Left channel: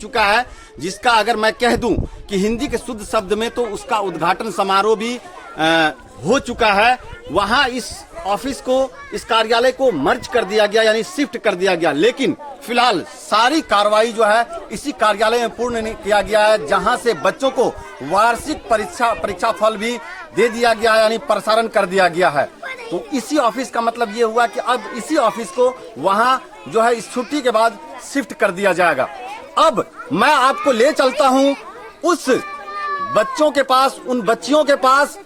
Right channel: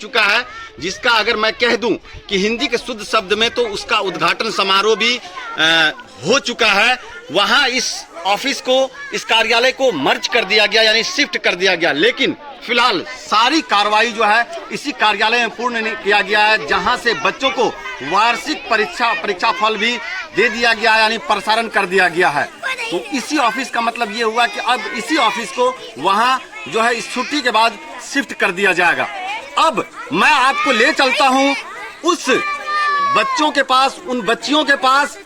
चुका है, जिसका अगर मैं कह दूं कि हिंदी के शुद्ध शब्द में तो उसका उद्घाटन समारोह भी हो चुका है। वहां इस ऑफिस को, इस कार्यालय को मर्ज कर दिया गया, यानी शिफ्ट कर दिया गया। लेकिन फिलहाल सारी कार्रवाई जो है इसी कार्यालय में पूर्ण नहीं किया गया है, जहां से बच्चों को वार्षिक परीक्षा फल भी दे दिया गया है, यानी प्रसारण कर दिया गया है। तो इसी ऑफिस का मतलब ये हुआ कि अब इसी ऑफिस को वहां जो है इस छुट्टी के बाद शिफ्ट कर दिया जाएगा। अब मैं आपको ले चलता हूं उस बच्चों के पास, उन बच्चियों के पास।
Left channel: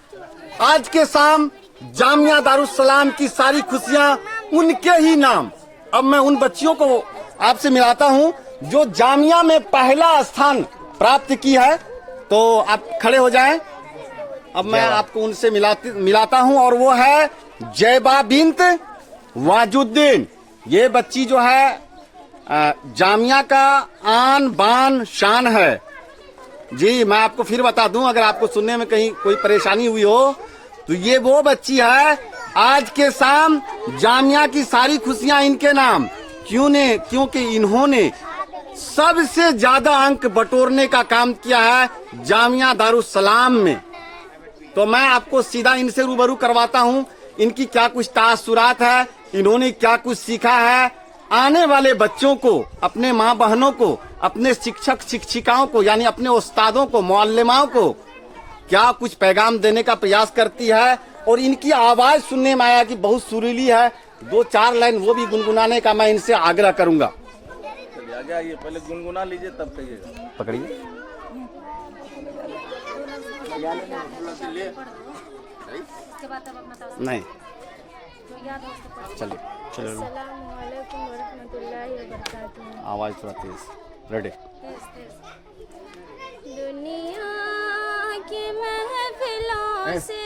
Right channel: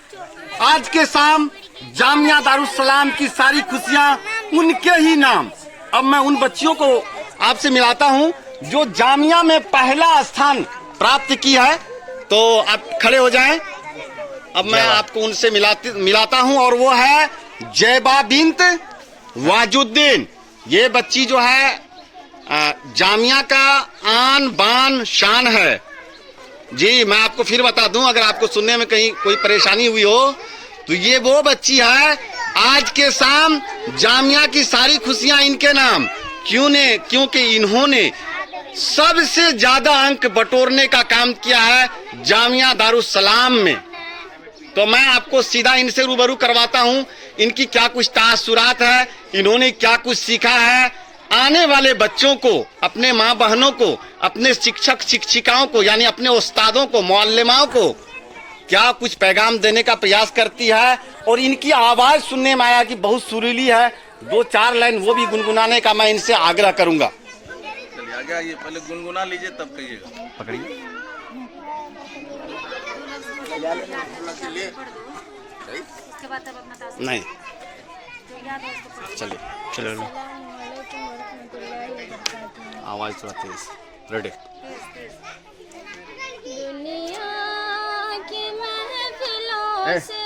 आज के शाम जामिया दारुस्सलाम की सारी खुशियां उनके ही नाम। अब मैं उन बच्चियों को आपसे मिलाता हूं जो जामिया में पहला स्थान प्राप्त की है। तो आप खड़े हो जाएं। अब मैं आपको उनसे मिलाता हूं, और वो है जैबा बिन्त वाजुद्दीन। ये बच्ची जो है जामिया का आन बान शान है। जी, मैं आपको फिर बता दूं, अगर आपको सुनने में कहीं कोई परेशानी हुई हो, तो ये वो बच्ची है। आज के शाम जामिया की सारी खुशियां इनके नाम। क्योंकि इन्होंने सबसे ज्यादा अंक बटोरने का काम किया है जामिया दारुस्सलाम में। तो मैं आपको सीधा इनसे रूबरू करवाता हूं, इनकी क्या कुछ तासुरात है, इन्होंने क्या कुछ सीखा है। आने वाले बच्चों को, अपने माँ बहनों को, अपने शिक्षक शिक्षिकाओं को, यानी अपने उस्तादों को, मुअल्लिमाओं को क्या कुछ पैगाम देने का प्रयास करती है। और इनकी आवाज सुनने में आया कि बहुत सुरीली है। 2-4 लाइन वो भी गुनगुनाने का मैं इनसे आग्रह करूंगा। चलिए आगे आइए, पहले गुनगुना लीजिए तब कहिएगा। पकड़िए। नहीं, चलिए चलो, आवाज थोड़ा तेज। रेडी। दुनिया की महफिलों से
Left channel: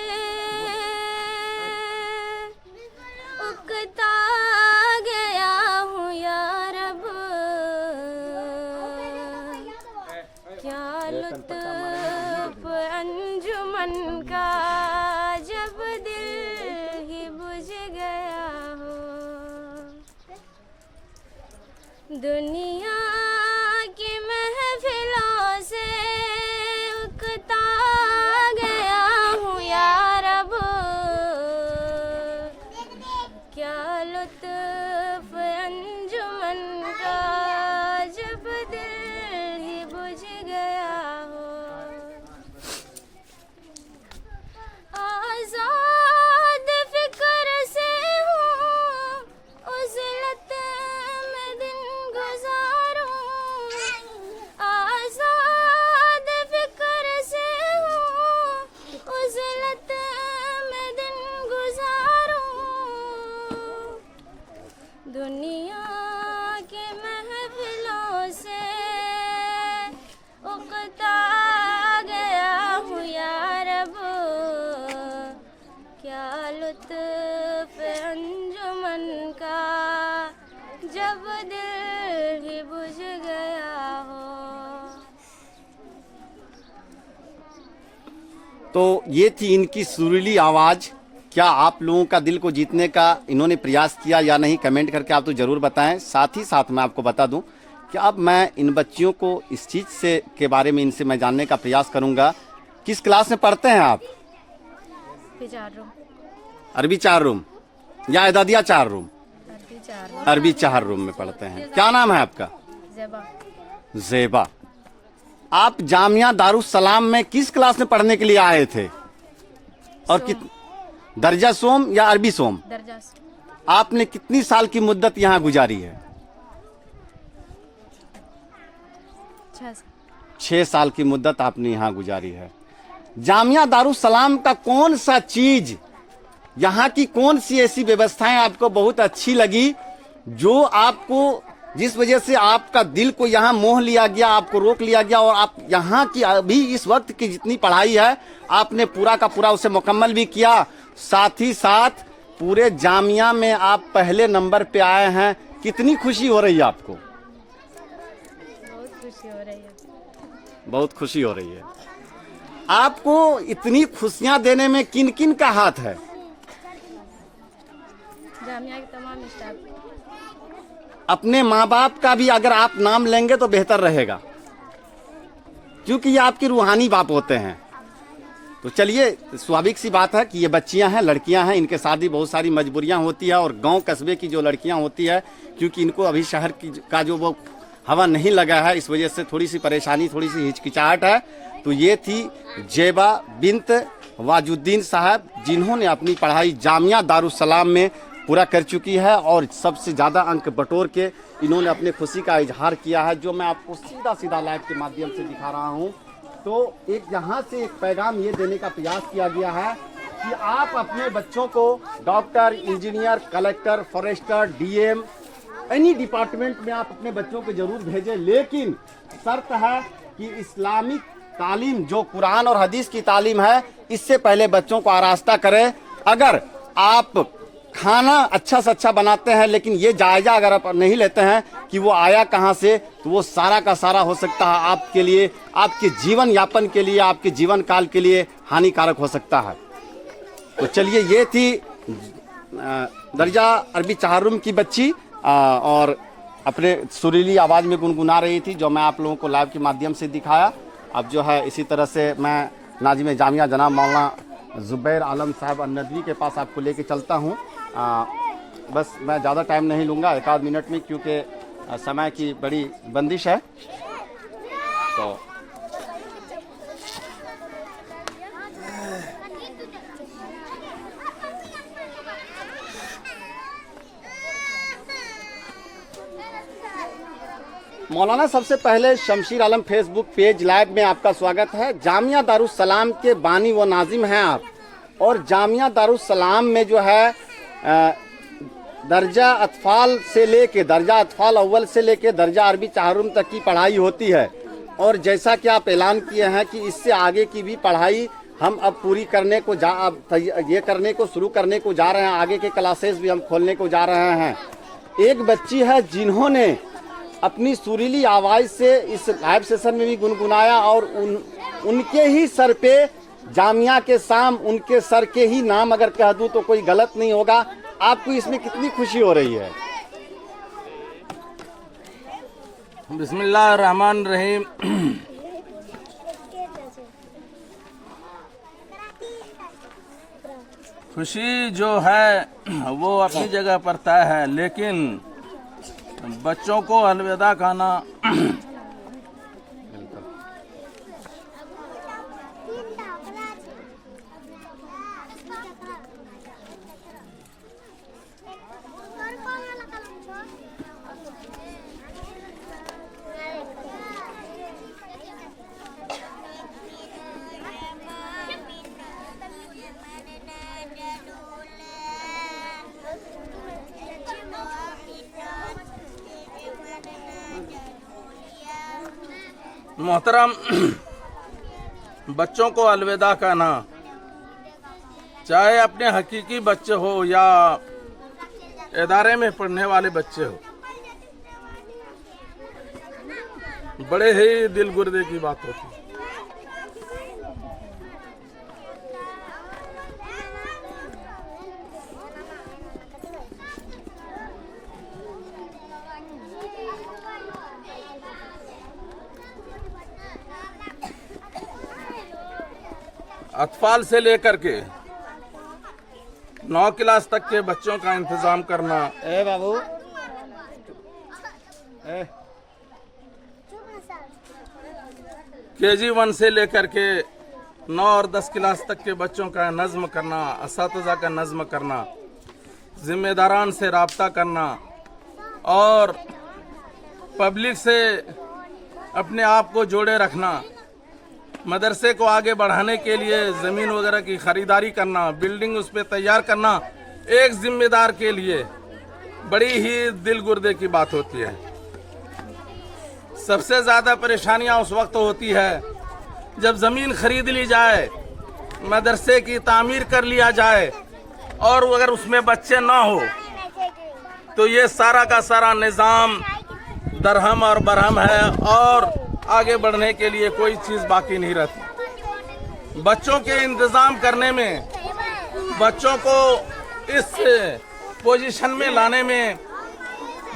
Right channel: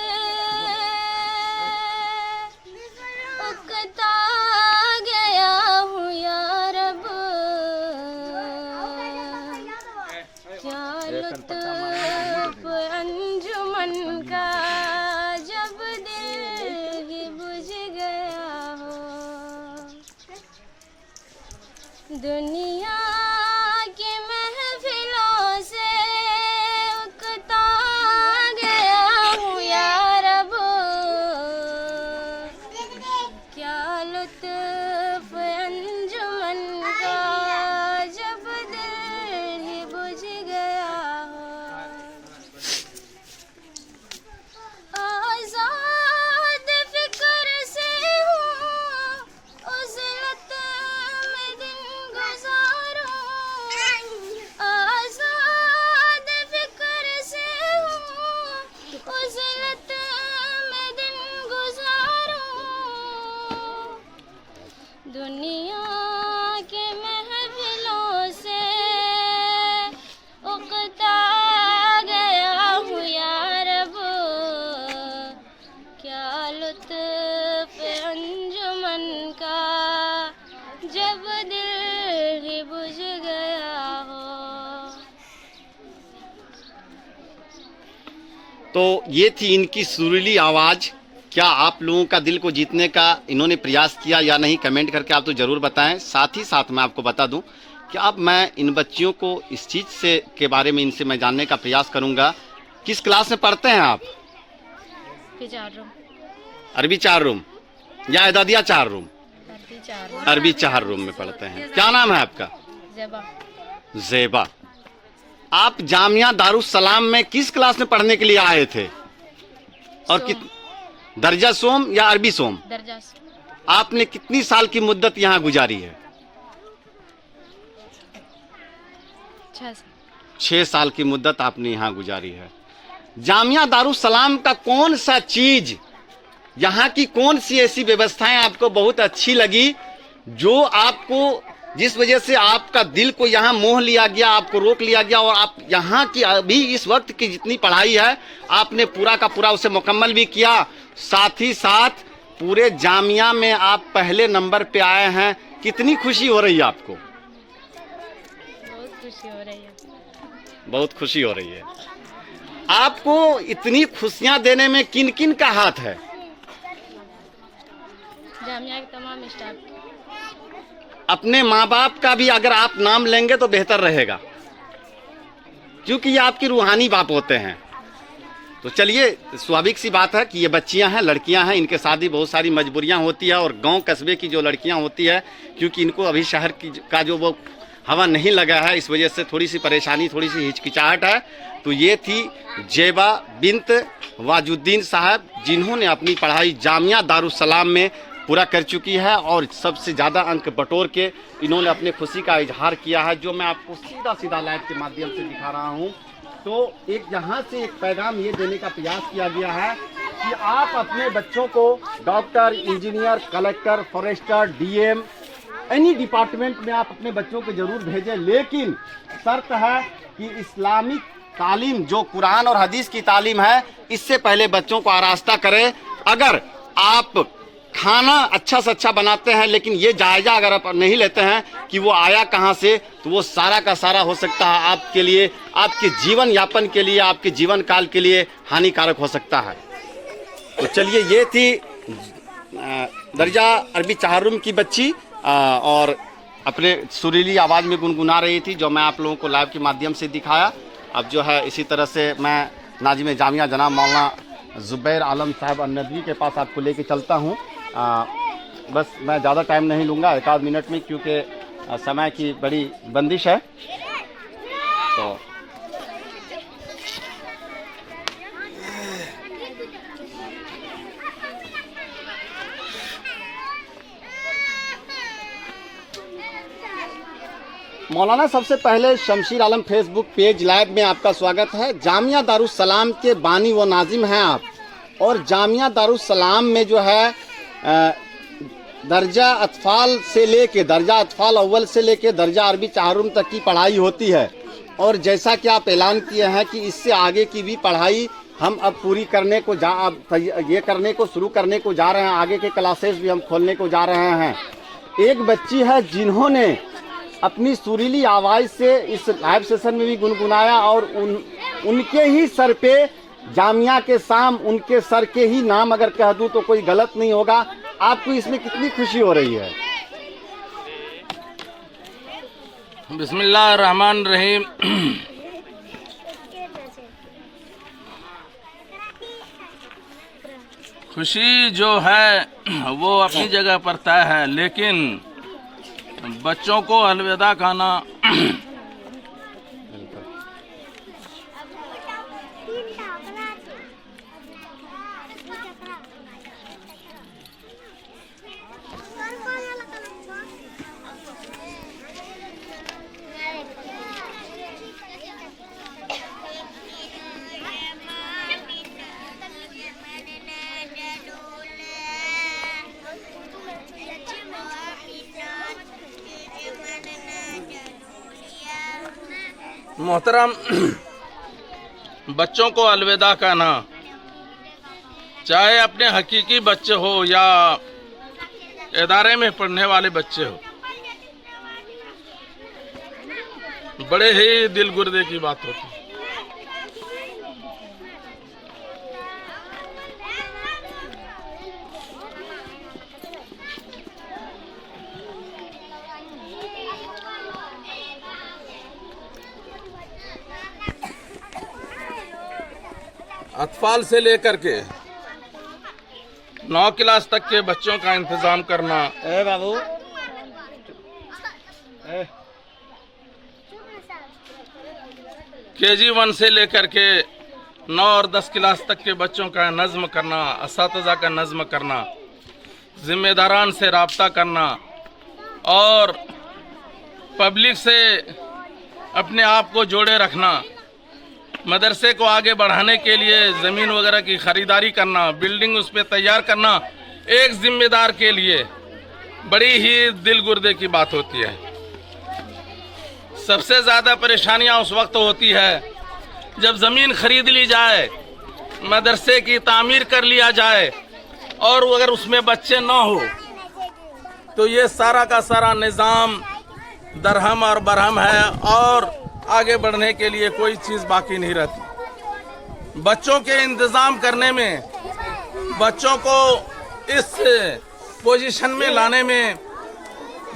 उकता गया हूँ या रब, क्या लुत्फ अंजुमन का जब दिल ही बुझ गया हो। दुनिया की महफिलों से उकता गया हूँ या रब, क्या लुत्फ अंजुमन का जब दिल ही बुझ गया हो। आजाद फिक्र से हूँ उज़लत में दिन गुजारूं, आजाद फिक्र से हूँ उज़लत में दिन गुजारूं। दुनिया के महफिलों से उकता गया हूँ या रब, क्या लुत्फ अंजुमन का जब दिल ही बुझ गया हो। तो ये थी इनकी सुरीली आवाज। क्या आप लोगों का दिल को जीतने का इन्होंने प्रयास किया या नहीं, कमेंट करके आप तो जरूर बताएं। साथ ही साथ मैं आपको बता दूं कि अब मैं इन बच्चियों को इस चीज से के बारे में इनसे मैं जानने का प्रयास करूंगा। किस क्लास में पढ़ते हैं आप? 4 रूम। अरबी 4 रूम या एदादिया 4 रूम? अरबी 4 रूम। अरबी 4 रूम में पढ़ते हैं। क्या नाम है आपका? ज़ेबा। ज़ेबा। आप जामिया दारुस्सलाम में किस क्लास में पढ़ने के लिए आए थे? और दर्जा सोम या अरबी सोम? दर्जा। आपने कितनी साल की मुद्दत यहाँ गुजारी है? 6 साल की मुद्दत आपने यहाँ गुजारी है। जामिया दारुस्सलाम का कौन सा चीज, यहाँ की कौन सी ऐसी व्यवस्थाएं आपको बहुत अच्छी लगी, जो आपको, जिस वजह से आपका दिल को यहाँ मोह लिया गया, आपको रोक लिया गया, और आप यहाँ की अभी इस वक्त की जितनी पढ़ाई है आपने पूरा का पूरा उसे मुकम्मल भी किया। साथ ही साथ पूरे जामिया में आप पहले नंबर पे आए हैं। कितनी खुशी हो रही है आपको? बहुत खुशी हो रही है। बहुत खुशी हो रही है। आपको इतनी खुशियां देने में किन किन का हाथ है? जामिया के तमाम स्टाफ। अपने माँ बाप का भी अगर आप नाम लेंगे तो बेहतर रहेगा। क्योंकि ये आपके रूहानी बाप होते हैं। तो चलिए, स्वाभाविक सी बात है कि ये बच्चियां हैं, लड़कियां हैं, इनके शादी बहुत सारी मजबूरियां होती है, और गांव कस्बे की जो लड़कियां होती है, क्योंकि इनको अभी शहर की का जो वो हवा नहीं लगा है, इस वजह से थोड़ी सी परेशानी, थोड़ी सी हिचकिचाहट है। तो ये थी जेबा बिन्त वाजुद्दीन साहब, जिन्होंने अपनी पढ़ाई जामिया दारुस्सलाम में पूरा कर चुकी है, और सबसे ज़्यादा अंक बटोर के इन्होंने अपने खुशी का इजहार किया है, जो मैं आपको सीधा सीधा लाइव के माध्यम से दिखा रहा हूँ। तो एक यहाँ से एक पैगाम ये देने का प्रयास किया गया है कि आप अपने बच्चों को doctor, engineer, collector, forester, DM, any department में आप अपने बच्चों को जरूर भेजें, लेकिन शर्त है कि इस्लामिक तालीम, जो कुरान और हदीस की तालीम है, इससे पहले बच्चों को आरास्ता करें। अगर आप खाना अच्छा से अच्छा बनाते हैं, लेकिन ये जायजा अगर आप नहीं लेते हैं कि वो आया कहाँ से, तो वो सारा का सारा हो सकता है आपके लिए, आपके जीवन यापन के लिए, आपके जीवन काल के लिए हानिकारक हो सकता है। तो चलिए, ये थी दर्जा अरबी चाहरुम की बच्ची, और अपने सुरीली आवाज़ में गुनगुना रही थी, जो मैं आप लोगों को लाइव के माध्यम से दिखाया। अब जो है इसी तरह से मैं नाजिम जामिया जनाब मौलाना ज़ुबैर आलम साहब अन्नदवी के पास आपको लेके चलता हूँ। बस मैं ज़्यादा टाइम नहीं लूँगा, 1 मिनट में, क्योंकि समय की बड़ी बंदिश है। तो मौलाना, सबसे पहले शमशीर आलम फेसबुक पेज लाइव में आपका स्वागत है। जामिया दारुस्सलाम के बानी व नाजिम हैं आप, और जामिया दारुस्सलाम में जो है दर्जा अतफाल से लेके, दर्जा अतफाल अव्वल से लेके दर्जा अरबी चाहरुम तक की पढ़ाई होती है। और जैसा कि आप ऐलान किए हैं कि इससे आगे की भी पढ़ाई हम अब पूरी करने को ये करने को शुरू करने को जा रहे हैं, आगे के क्लासेस भी हम खोलने को जा रहे हैं। एक बच्ची है जिन्होंने अपनी सुरीली आवाज़ से इस लाइव सेशन में भी गुनगुनाया, और उनके ही सर पे जामिया के शाम, उनके सर के ही नाम अगर कह दूं तो कोई गलत नहीं होगा। आपको इसमें कितनी खुशी हो रही है? बिस्मिल्लाहिर्रहमानिर्रहीम। खुशी जो है वो अपनी जगह पर तय है, लेकिन बच्चों को अलविदा कहना मोहतरम, बच्चों को अलविदा कहना, चाहे अपने हकीकी बच्चे हो या इदारे में पढ़ने वाले बच्चे हो, बड़े ही दिल गुर्दे की बात होती है। अतफाल से लेकर के 9 क्लास तक के बच्चों का इंतजाम करना, बाबू KG 1 से लेकर के 9 और 10 क्लास तक के बच्चों का नज़्म करना, असातिज़ा का नज़्म करना, जिम्मेदारान से राब्ता करना, और पब्लिक से अपने आप को जोड़े रखना, मदरसे को आगे बढ़ाने के लिए ज़मीन वगैरह की ख़रीदारी करना, बिल्डिंग उस पर तैयार करना, एक ज़िम्मेदार के लिए बड़ी ही दिल गुर्दे की बात होती है। सबसे ज़्यादा परेशानियां उस वक्त होती है जब ज़मीन खरीद ली जाए, मदरसे की तामीर कर लिया जाए, और अगर उसमें बच्चे ना हो तो ये सारा का सारा निज़ाम दरहम और बरहम है, और आगे बढ़ने के लिए कोई चीज़ बाकी नहीं रहती। बच्चों के इंतज़ाम करने में, बच्चों को इस पोजीशन में लाने में,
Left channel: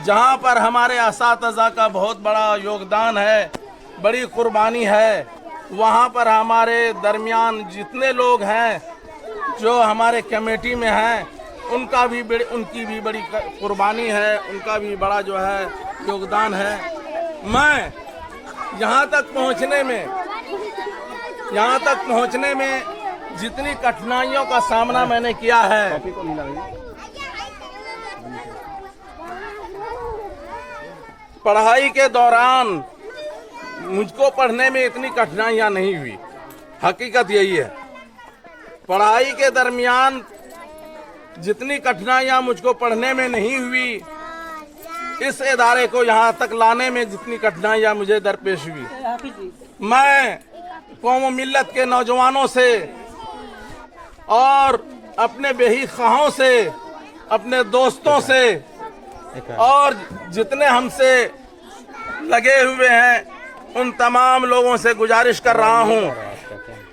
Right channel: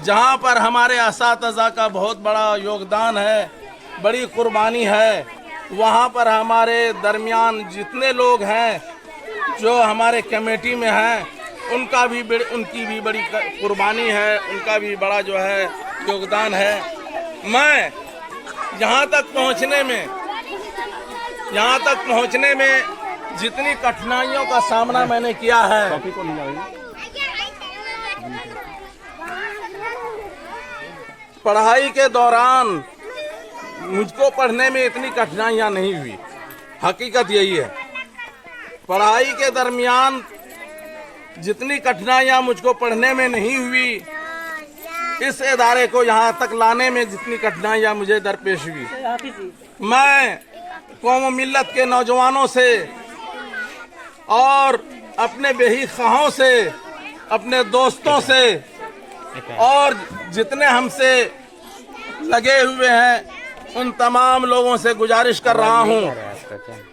जहां पर हमारे असातिज़ा का बहुत बड़ा योगदान है, बड़ी कुर्बानी है, वहाँ पर हमारे दरमियान जितने लोग हैं जो हमारे कमेटी में हैं उनकी भी बड़ी कुर्बानी है, उनका भी बड़ा जो है योगदान है। मैं यहाँ तक पहुँचने में जितनी कठिनाइयों का सामना मैंने किया है, पढ़ाई के दौरान मुझको पढ़ने में इतनी कठिनाइयाँ नहीं हुई। हकीकत यही है, पढ़ाई के दरमियान जितनी कठिनाइयाँ मुझको पढ़ने में नहीं हुई, इस इदारे को यहाँ तक लाने में जितनी कठिनाइयाँ मुझे दरपेश हुई, मैं कौम मिल्लत के नौजवानों से और अपने बेही खाहों से, अपने दोस्तों से और जितने हमसे लगे हुए हैं उन तमाम लोगों से गुजारिश कर रहा हूं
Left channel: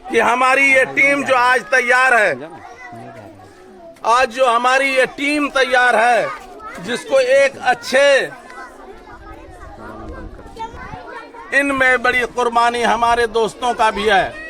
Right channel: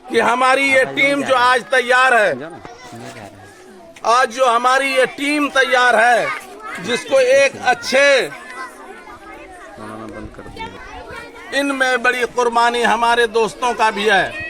कि हमारी ये टीम जो आज तैयार है, आज जो हमारी ये टीम तैयार है, जिसको एक अच्छे, इनमें बड़ी कुर्बानी हमारे दोस्तों का भी है।